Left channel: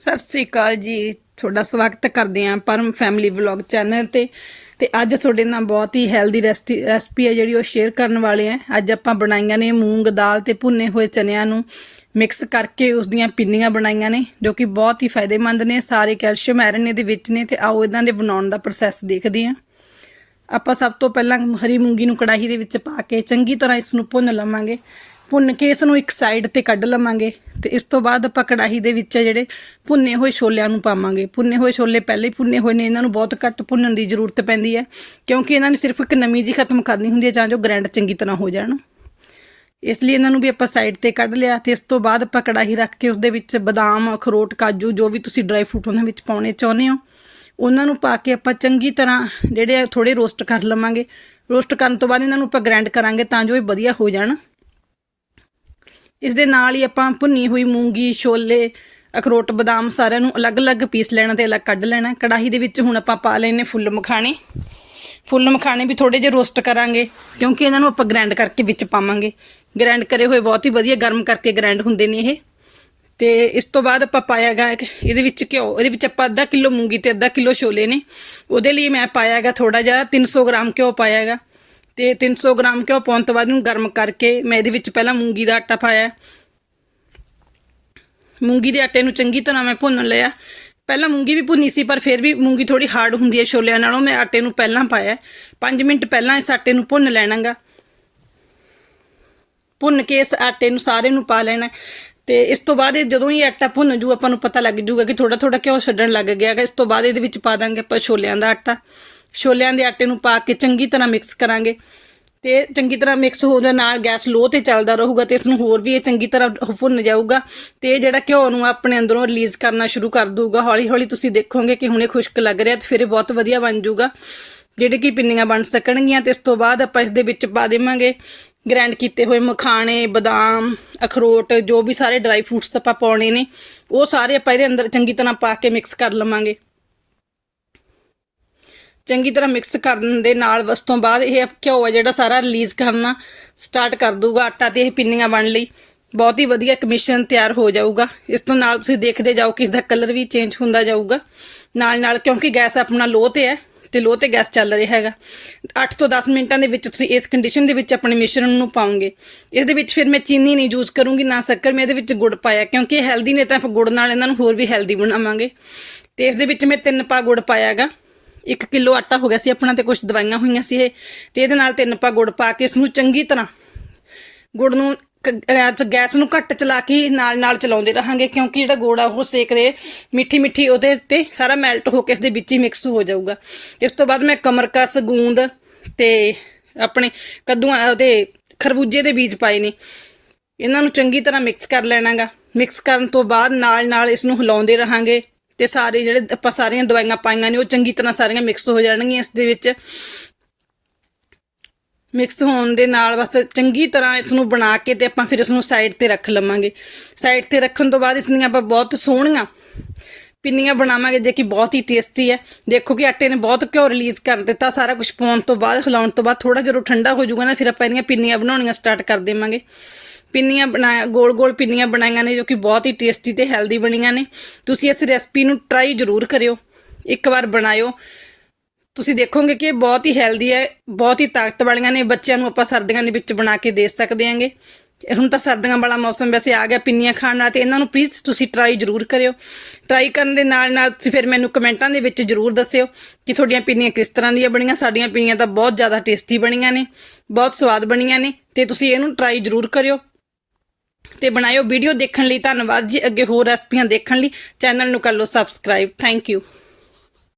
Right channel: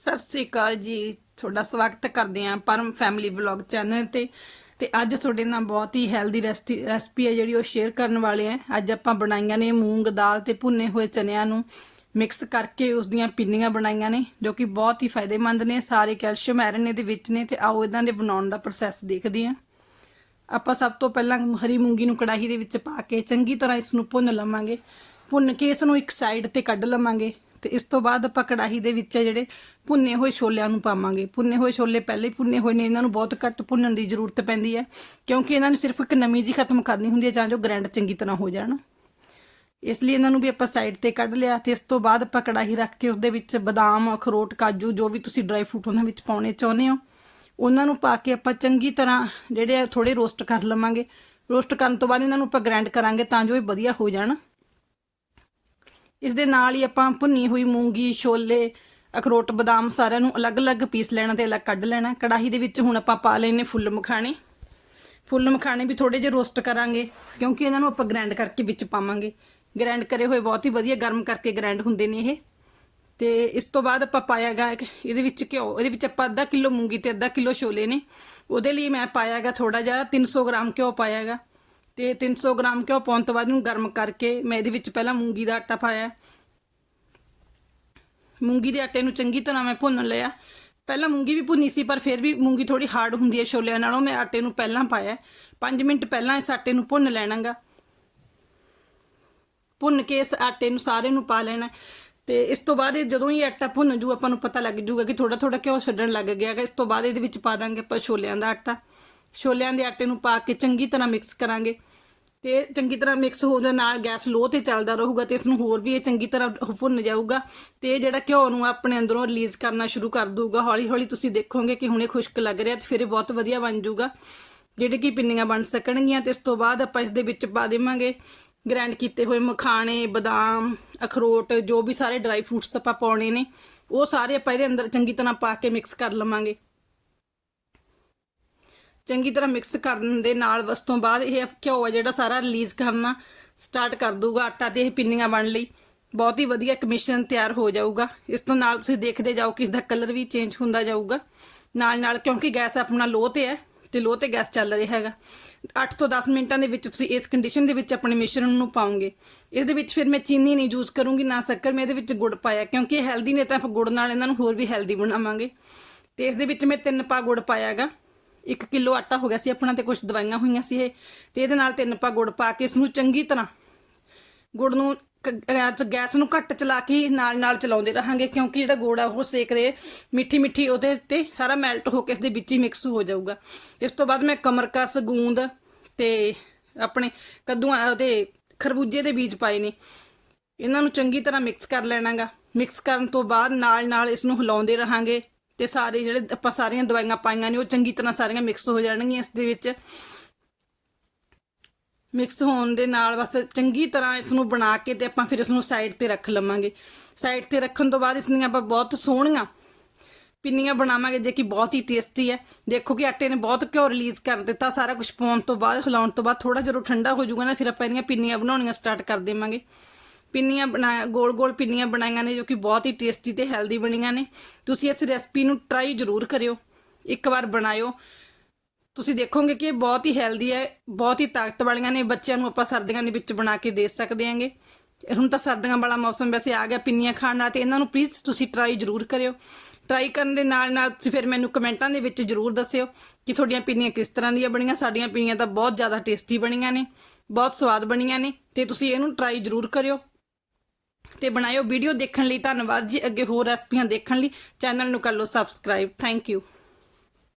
ਸਤਿ ਸ੍ਰੀ ਅਕਾਲ ਜੀ। ਤੁਹਾਡਾ ਸਵਾਗਤ ਕਰਦੇ ਹਾਂ ਪਰਮ ਫੈਮਿਲੀ ਵਲੌਗ ਚੈਨਲ ਤੇ। ਤੇ ਅੱਜ ਤੁਹਾਡੇ ਨਾਲ ਬਹੁਤ ਹੀ ਹੈਲਦੀ ਰੈਸਪੀ ਹੈ ਜਿਹੜੀ ਉਹ ਸ਼ੇਅਰ ਕਰਨ ਵਾਲੇ ਆ। ਅੱਜ ਆਪਾਂ ਬਣਾਈਆਂ ਨੇ ਮੂੰਗ ਦਾਲ ਤੇ ਭੁੰਨੇ ਹੋਏ ਚਨਿਆਂ ਨੂੰ ਮਿਕਸ ਕਰਕੇ ਉਸ ਦੀਆਂ ਪਿੰਨੀਆਂ ਬਣਾਈਆਂ ਨੇ, ਜੋ ਕਿ ਬਹੁਤ ਹੀ ਫਾਇਦੇਮੰਦ ਨੇ। ਸਾਰੇ ਕੈਲਸ਼ੀਅਮ ਆਇਰਨ ਇਹਦੇ ਵਿੱਚ ਨੇ ਤੇ ਆਓ ਇਹਨਾਂ ਦੇ ਬਣਾਉਣ ਦਾ ਪ੍ਰੋਸੈਸ ਦੇਖਦੇ ਹਾਂ। ਆਪਾਂ ਸਭ ਤੋਂ ਪਹਿਲਾਂ ਹਰੀ ਮੂੰਗੀ ਨੂੰ ਕੜਾਹੀ ਦੇ ਵਿੱਚ ਪਾ ਕੇ ਚੰਗੀ ਤਰ੍ਹਾਂ ਇਸ ਨੂੰ ਭੁੰਨ ਲਵਾਂਗੇ। ਭੁੰਨ ਕੇ ਇਸ ਨੂੰ ਇੱਕ ਸਾਈਡ ਤੇ ਕੱਢ ਲਵਾਂਗੇ। ਤੇ ਇਸ ਤੋਂ ਬਾਅਦ ਆਪਾਂ ਕੜਾਹੀ ਦੇ ਵਿੱਚ ਜਿਹੜੇ ਭੁੰਨੇ ਹੋਏ ਛੋਲਿਆਂ ਨੂੰ ਪਾਵਾਂਗੇ। ਭੁੰਨੇ ਹੋਏ ਛੋਲੇ ਪਹਿਲੇ ਹੀ ਭੁੰਨੇ ਹੋਏ ਨੇ, ਇਹਨਾਂ ਨੂੰ ਬਹੁਤ ਘੱਟ ਭੁੰਨਣ ਦੀ ਜ਼ਰੂਰਤ ਪੈਂਦੀ ਹੈ, ਕਿਉਂਕਿ ਇਹਨਾਂ ਨੇ ਸਿਰਫ ਇੱਕ ਨਮੀ ਜੀ ਖਤਮ ਕਰਨੀ ਹੁੰਦੀ ਹੈ, ਜਾਂ ਜੋ ਗ੍ਰੈਂਡ ਚੰਗੀ ਤਰ੍ਹਾਂ ਹੋ ਜਾਣ। ਇਸ ਲਈ ਇਹਨਾਂ ਨੂੰ ਵੀ ਆਪਾਂ ਸਾਈਡ ਤੇ ਕੱਢ ਲਿਆ ਤੇ ਇਸ ਤੋਂ ਬਾਅਦ ਆਪਾਂ ਕੜਾਹੀ ਰੱਖ ਕੇ ਉਸ ਦੇ ਵਿੱਚ ਬਦਾਮ, ਅਖਰੋਟ, ਕਾਜੂ, ਜੋ ਵੀ ਤੁਸੀਂ ਡਰਾਈ ਫਰੂਟ ਉਹਨਾਂ ਵਿੱਚ ਪਾਉਣੇ ਚਾਹੁੰਦੇ ਹੋ, ਉਹਨਾਂ ਨੂੰ ਪਾ ਕੇ ਆਪਾਂ ਚੰਗੀ ਤਰ੍ਹਾਂ ਜਿਹੜੇ ਆ ਥੋੜੇ ਰੋਸਟ ਕਰ ਲਵਾਂਗੇ। ਰੋਸਟ ਕਰਨ ਤੋਂ ਬਾਅਦ ਇਹਨਾਂ ਨੂੰ ਆਪਾਂ ਗ੍ਰਾਈਂਡ ਕਰਾਂਗੇ ਤਾਂ ਜੋ ਇਹ ਵਧੀਆ ਹੋ ਜਾਣ। ਇਸ ਦੇ ਨਾਲ ਹੀ ਆਪਾਂ ਭੁੰਨੀ ਹੋਈ ਮੂੰਗੀ, ਛੋਲੇ, ਅਖਰੋਟ, ਬਦਾਮ ਸਾਰਿਆਂ ਨੂੰ ਅਲੱਗ-ਅਲੱਗ ਪੀਸ ਲੈਣਾ ਤੇ ਅਲੱਗ ਕੱਢ ਲੈਣਾ। ਕੜਾਹੀ ਦੇ ਵਿੱਚ ਹੁਣ ਆਪਾਂ ਪਾ ਲੈਣੇ ਫੁੱਲ ਮਖਾਣੇ। ਫੁੱਲ ਮਖਾਣੇ ਵੀ ਥੋੜੇ ਜਿਹਾ ਰੋਸਟ ਕਰਾਂਗੇ, ਕਿਉਂਕਿ ਇਹਨਾਂ ਨੂੰ ਆਪਾਂ ਗ੍ਰਾਈਂਡ ਕਰਕੇ ਵਿੱਚ ਪਾਵਾਂਗੇ। ਗ੍ਰਾਈਂਡ ਕਰੇ ਹੋਏ ਬਹੁਤ ਹੀ ਵਧੀਆ ਗਰਮ ਕਰਕੇ ਗ੍ਰਾਈਂਡ ਹੁੰਦੇ ਨੇ ਇਹ। ਤੇ ਇਸ ਤੋਂ ਬਾਅਦ ਆਪਾਂ ਪਾਇਆਗਾ ਇਹਦੇ ਵਿੱਚ ਘਿਓ, ਇਹਦੇ ਵਿੱਚ ਆਪਾਂ ਅੱਧਾ ਕਿਲੋ ਮੂੰਗੀ ਤੇ ਅੱਧਾ ਕਿਲੋ ਛੋਲੇ ਨੇ। ਉਹਦੇ ਲਈ ਮੈਂ ਪਾਇਆਗਾ ਥੋੜਾ ਜਿਹਾ 300 ਗ੍ਰਾਮ ਘਿਓ ਪਾਇਆਗਾ ਤੇ 300 ਗ੍ਰਾਮ ਘਿਓ ਪਾਉਣ ਤੋਂ ਬਾਅਦ ਇਹਨੂੰ ਗਰਮ ਕਰਕੇ ਮੈਂ ਇਹਦੇ ਵਿੱਚ ਪਹਿਲਾਂ ਮੂੰਗੀ ਦਾ ਆਟਾ ਪਾਇਆ। ਮੂੰਗੀ ਦੇ ਆਟੇ ਨੂੰ ਚੰਗੀ ਤਰ੍ਹਾਂ ਮੈਂ ਭੁੰਨ ਲਿਆ। ਪਹਿਲਾਂ ਮੂੰਗੀ ਵੀ ਭੁੰਨੀ ਸੀ, ਪਰ ਫਿਰ ਵੀ ਮੂੰਗੀ ਥੋੜੀ ਹਾਰਡ ਹੁੰਦੀ ਹੈ ਛੋਲਿਆਂ ਨਾਲੋਂ। ਮੈਂ ਆਟੇ ਨੂੰ ਪਹਿਲਾਂ ਪਾਇਆ। 5 ਮਿੰਟ ਪਹਿਲਾਂ ਇਸ ਆਟੇ ਨੂੰ ਭੁੰਨ ਲੈਣਾਗਾ। ਭੁੰਨ ਕੇ ਇਸ ਆਟੇ ਨੂੰ ਸਾਰੇ ਨੂੰ ਪਾ ਲੈਣਾ। ਤੇ ਇਸ ਤੋਂ ਬਾਅਦ ਇਹ ਜਦੋਂ ਹੀ ਆਟਾ ਭੁੰਨ ਜੂ, ਆਪਾਂ ਨੂੰ ਪਤਾ ਲੱਗ ਜੂਗਾ ਕਿ ਥੋੜਾ ਥੋੜਾ ਘਿਓ ਛੱਡਣ ਲੱਗ ਗਿਆ ਹੈ ਇਸ ਤੋਂ ਬਾਅਦ ਇਹਦੇ ਵਿੱਚ ਪਾ ਦਾਂਗੇ ਆਪਾਂ ਛੋਲਿਆਂ ਦਾ ਆਟਾ। ਛੋਲਿਆਂ ਦੇ ਆਟੇ ਨੂੰ ਪਾ ਕੇ ਚੰਗੀ ਤਰ੍ਹਾਂ ਮਿਕਸ ਕਰਾਂਗੇ। ਤੇ ਚੰਗੀ ਤਰ੍ਹਾਂ ਮਿਕਸ ਹੋ ਜਾਣ ਨਾਲ ਗੈਸ ਲੋ ਤੇ ਚੱਲਦਾ ਰਹੂਗਾ ਤੇ ਇਸ ਨੂੰ ਹੋਰ ਵੀ ਇਹ ਚੰਗੀ ਤਰ੍ਹਾਂ ਭੁੰਨ ਜਾਊਗਾ। ਤੇ ਜਿਹੜਾ ਘਿਓ ਨੂੰ ਆਪਣੇ ਅੰਦਰੋਂ ਰਿਲੀਜ਼ ਕਰਨਾ ਸ਼ੁਰੂ ਕਰ ਦਊਗਾ। ਹੌਲੀ ਹੌਲੀ ਤੁਸੀਂ ਦੇਖੋਗੇ ਕਿ ਹੁਣੇ ਖੁਸ਼ਕ ਲੱਗ ਰਿਹਾ ਤੇ ਫਿਰ ਇਹ ਬਹੁਤ ਵਧੀਆ ਬਣ ਜਾਊਗਾ। ਜਿਹੜੇ ਕਿ ਪਿੰਨੀਆਂ ਬਣ ਸਕਣਗੀਆਂ ਤੇ ਇਸ ਤੋਂ ਬਾਅਦ ਆਪਾਂ ਇਸ ਦੇ ਵਿੱਚ ਪਾ ਦੇਵਾਂਗੇ ਗ੍ਰਾਈਂਡ ਕੀਤੇ ਹੋਏ ਮਖਾਣੇ, ਬਦਾਮ, ਅਖਰੋਟ, ਜੋ ਵੀ ਸਾਰੇ ਡਰਾਈ ਫਰੂਟਸ ਆਪਾਂ ਪਾਉਣੇ ਨੇ, ਉਹ ਸਾਰੇ ਆਪਾਂ ਇਹਦੇ ਅੰਦਰ ਚੰਗੀ ਤਰ੍ਹਾਂ ਪਾ ਕੇ ਮਿਕਸ ਕਰ ਲਵਾਂਗੇ। ਚੰਗੀ ਤਰ੍ਹਾਂ ਮਿਕਸ ਕਰਨ ਦੇ ਨਾਲ ਬਸ ਤੋਂ ਬਾਅਦ ਇਹ ਘਿਓ ਹੈ ਜਿਹੜਾ ਸਾਰਾ ਰਿਲੀਜ਼ ਕਰਨਾ ਸਟਾਰਟ ਕਰ ਦੂਗਾ ਆਟਾ ਤੇ ਇਹ ਪਿੰਨੀਆਂ ਬਣ ਲਈ। ਬਹੁਤ ਹੀ ਵਧੀਆ ਇੱਕ ਮਿਸ਼ਰਣ ਤਿਆਰ ਹੋ ਜਾਊਗਾ। ਇਸ ਤੋਂ ਨਾਲ ਤੁਸੀਂ ਦੇਖਦੇ ਜਾਓ ਕਿ ਇਸ ਦਾ ਕਲਰ ਵੀ ਚੇਂਜ ਹੁੰਦਾ ਜਾਊਗਾ। ਨਾਲ ਨਾਲ ਕਿਉਂਕਿ ਗੈਸ ਆਪਣਾ ਲੋ ਤੇ ਹੈ ਤੇ ਲੋ ਤੇ ਗੈਸ ਚੱਲ ਰਿਹਾ ਹੈਗਾ। 8 ਤੋਂ 10 ਮਿੰਟਾਂ ਦੇ ਵਿੱਚ ਤੁਸੀਂ ਇਸ ਕੰਡੀਸ਼ਨ ਦੇ ਵਿੱਚ ਆਪਣੇ ਮਿਸ਼ਰਣ ਨੂੰ ਪਾਉਂਗੇ ਇਸ ਦੇ ਵਿੱਚ ਫਿਰ ਮੈਂ ਚੀਨੀ ਨਹੀਂ ਯੂਜ਼ ਕਰੂੰਗੀ, ਨਾ ਸ਼ੱਕਰ, ਮੈਂ ਇਹਦੇ ਵਿੱਚ ਗੁੜ ਪਾਇਆ। ਕਿਉਂਕਿ ਇਹ ਹੈਲਦੀ ਨੇ ਤਾਂ ਫਿਰ ਗੁੜ ਨਾਲ ਇਹਨਾਂ ਨੂੰ ਹੋਰ ਵੀ ਹੈਲਦੀ ਬਣਾਵਾਂਗੇ। ਤੇ ਇਸ ਦੇ ਵਿੱਚ ਮੈਂ ਤਿੰਨ ਪਾ ਗੁੜ ਪਾਇਆਗਾ। 1 ਕਿਲੋ ਆਟਾ ਹੋ ਗਿਆ ਸੀ, ਆਪਣਾ ਤੇ ਕੁਝ ਦਵਾਈਆਂ ਹੋਈਆਂ ਸੀ ਇਹ, ਤੇ ਇਹਦੇ ਨਾਲ ਤਿੰਨ ਪਾ ਗੁੜ ਪਾ ਕੇ ਇਸ ਨੂੰ ਚੰਗੀ ਤਰ੍ਹਾਂ ਗੁੜ ਨੂੰ ਗੈਸ ਨੂੰ ਘੱਟ ਚਲਾ ਕੇ ਨਾਲ ਨਾਲ ਚਲਾਉਂਦੇ ਰਹਾਂਗੇ, ਕਿਉਂਕਿ ਜਿਹੜਾ ਗੁੜ ਆ, ਉਹ ਸੇਕਦੇ ਮਿੱਠੀ ਮਿੱਠੀ ਉਹਦੇ ਤੇ ਸਾਰਾ ਮੈਲਟ ਹੋ ਕੇ ਇਸ ਦੇ ਵਿੱਚ ਹੀ ਮਿਕਸ ਹੋ ਜਾਊਗਾ। ਇਸ ਤੋਂ ਬਾਅਦ ਮੈਂ ਕਮਰਕਸ, ਗੂੰਦ ਤੇ ਆਪਣੇ ਕੱਦੂਆਂ, ਉਹਦੇ ਖਰਬੂਜੇ ਦੇ ਬੀਜ ਪਾਏ ਨੇ। ਇਹਨਾਂ ਨੂੰ ਚੰਗੀ ਤਰ੍ਹਾਂ ਮਿਕਸ ਕਰ ਲੈਣਾਗਾ। ਮਿਕਸ ਕਰਨ ਤੋਂ ਬਾਅਦ ਨਾਲ ਨਾਲ ਇਸ ਨੂੰ ਹਿਲਾਉਂਦੇ ਰਹਾਂਗੇ। ਤੇ ਸਾਰੇ ਜਿਹੜੇ ਆਪਾਂ ਸਾਰੀਆਂ ਦਵਾਈਆਂ ਪਾਈਆਂ ਨੇ, ਉਹ ਚੰਗੀ ਤਰ੍ਹਾਂ ਸਾਰੀਆਂ ਮਿਕਸ ਹੋ ਜਾਣਗੀਆਂ ਇਸ ਦੇ ਵਿੱਚ। ਮਿਕਸ ਹੋਣ ਦੇ ਨਾਲ ਬਸ ਚੰਗੀ ਤਰ੍ਹਾਂ ਇਸ ਨੂੰ ਬਣਾ ਕੇ ਤੇ ਆਪਾਂ ਫਿਰ ਇਸ ਨੂੰ ਸਾਈਡ ਤੇ ਰੱਖ ਲਵਾਂਗੇ। ਸਾਈਡ ਤੇ ਰੱਖਣ ਤੋਂ ਬਾਅਦ ਇਸ ਦੀਆਂ ਆਪਾਂ ਬਹੁਤ ਸੋਹਣੀਆਂ ਪਿੰਨੀਆਂ ਬਣਾਵਾਂਗੇ, ਜੇ ਕਿ ਬਹੁਤ ਹੀ ਟੇਸਟੀ ਹੈ। ਦੇਖੋ ਕਿ ਆਟੇ ਨੇ ਬਹੁਤ ਘਿਓ ਰਿਲੀਜ਼ ਕਰ ਦਿੱਤਾ, ਸਾਰਾ ਕੁਝ ਪਾਉਣ ਤੋਂ ਬਾਅਦ ਹਿਲਾਉਣ ਤੋਂ ਬਾਅਦ ਥੋੜਾ ਜਿਹਾ ਠੰਡਾ ਹੋ ਜਾਊਗਾ ਨਾ, ਫਿਰ ਆਪਾਂ ਇਹਦੀਆਂ ਪਿੰਨੀਆਂ ਬਣਾਉਣੀਆਂ ਸਟਾਰਟ ਕਰ ਦੇਵਾਂਗੇ। ਪਿੰਨੀਆਂ ਬਣਾਇਆ, ਗੋਲ ਗੋਲ ਪਿੰਨੀਆਂ ਬਣਾਈਆਂ ਨੇ ਜੋ ਕਿ ਬਹੁਤ ਹੀ ਟੇਸਟੀ ਤੇ ਹੈਲਦੀ ਬਣੀਆਂ ਨੇ। ਤੁਸੀਂ ਇਸ ਰੈਸਪੀ ਨੂੰ ਟਰਾਈ ਜ਼ਰੂਰ ਕਰਿਓ, ਇੱਕ ਵਾਰ ਬਣਾਇਓ। ਤੁਸੀਂ ਦੇਖੋਗੇ ਕਿ ਇਹ ਬਹੁਤ ਹੀ ਹੈਲਦੀ ਹੈ, ਬਹੁਤ ਹੀ ਤਾਕਤ ਵਾਲੀਆਂ ਨੇ, ਬੱਚਿਆਂ ਨੂੰ ਆਪਾਂ ਸਰਦੀਆਂ ਦੇ ਵਿੱਚ ਬਣਾ ਕੇ ਦੇ ਸਕਦੇ ਆਂਗੇ। ਹੁਣ ਤਾਂ ਸਰਦੀਆਂ ਵਾਲਾ ਮੌਸਮ ਵੈਸੇ ਆ ਗਿਆ ਪਿੰਨੀਆਂ ਖਾਣ ਨਾਲ, ਤੇ ਇਹਨਾਂ ਨੂੰ ਪਲੀਜ਼ ਤੁਸੀਂ ਟਰਾਈ ਜ਼ਰੂਰ ਕਰਿਓ। ਟਰਾਈ ਕਰਨ ਦੇ ਨਾਲ ਨਾਲ ਤੁਸੀਂ ਫਿਰ ਮੈਨੂੰ ਕਮੈਂਟਾਂ ਦੇ ਵਿੱਚ ਜ਼ਰੂਰ ਦੱਸਿਓ ਕਿ ਤੁਹਾਡੀਆਂ ਪਿੰਨੀਆਂ ਕਿਸ ਤਰ੍ਹਾਂ ਦੀਆਂ ਬਣੀਆਂ। ਸਾਡੀਆਂ ਪਿੰਨੀਆਂ ਤਾਂ ਬਹੁਤ ਜ਼ਿਆਦਾ ਟੇਸਟੀ ਬਣੀਆਂ ਨੇ, ਬਹੁਤ ਸਵਾਦ ਬਣੀਆਂ ਨੇ, ਤੇ ਤੁਸੀਂ ਇਹਨੂੰ ਟਰਾਈ ਜ਼ਰੂਰ ਕਰਿਓ। ਤੇ ਬਣਾਇਓ ਵੀਡੀਓ ਦੇਖਣ ਲਈ। ਧੰਨਵਾਦ ਜੀ ਅੱਗੇ ਹੋਰ ਰੈਸਪੀਆਂ ਦੇਖਣ ਲਈ। ਚੈਨਲ ਨੂੰ ਕਰ ਲਓ ਸਬਸਕ੍ਰਾਈਬ ਥੈਂਕ ਯੂ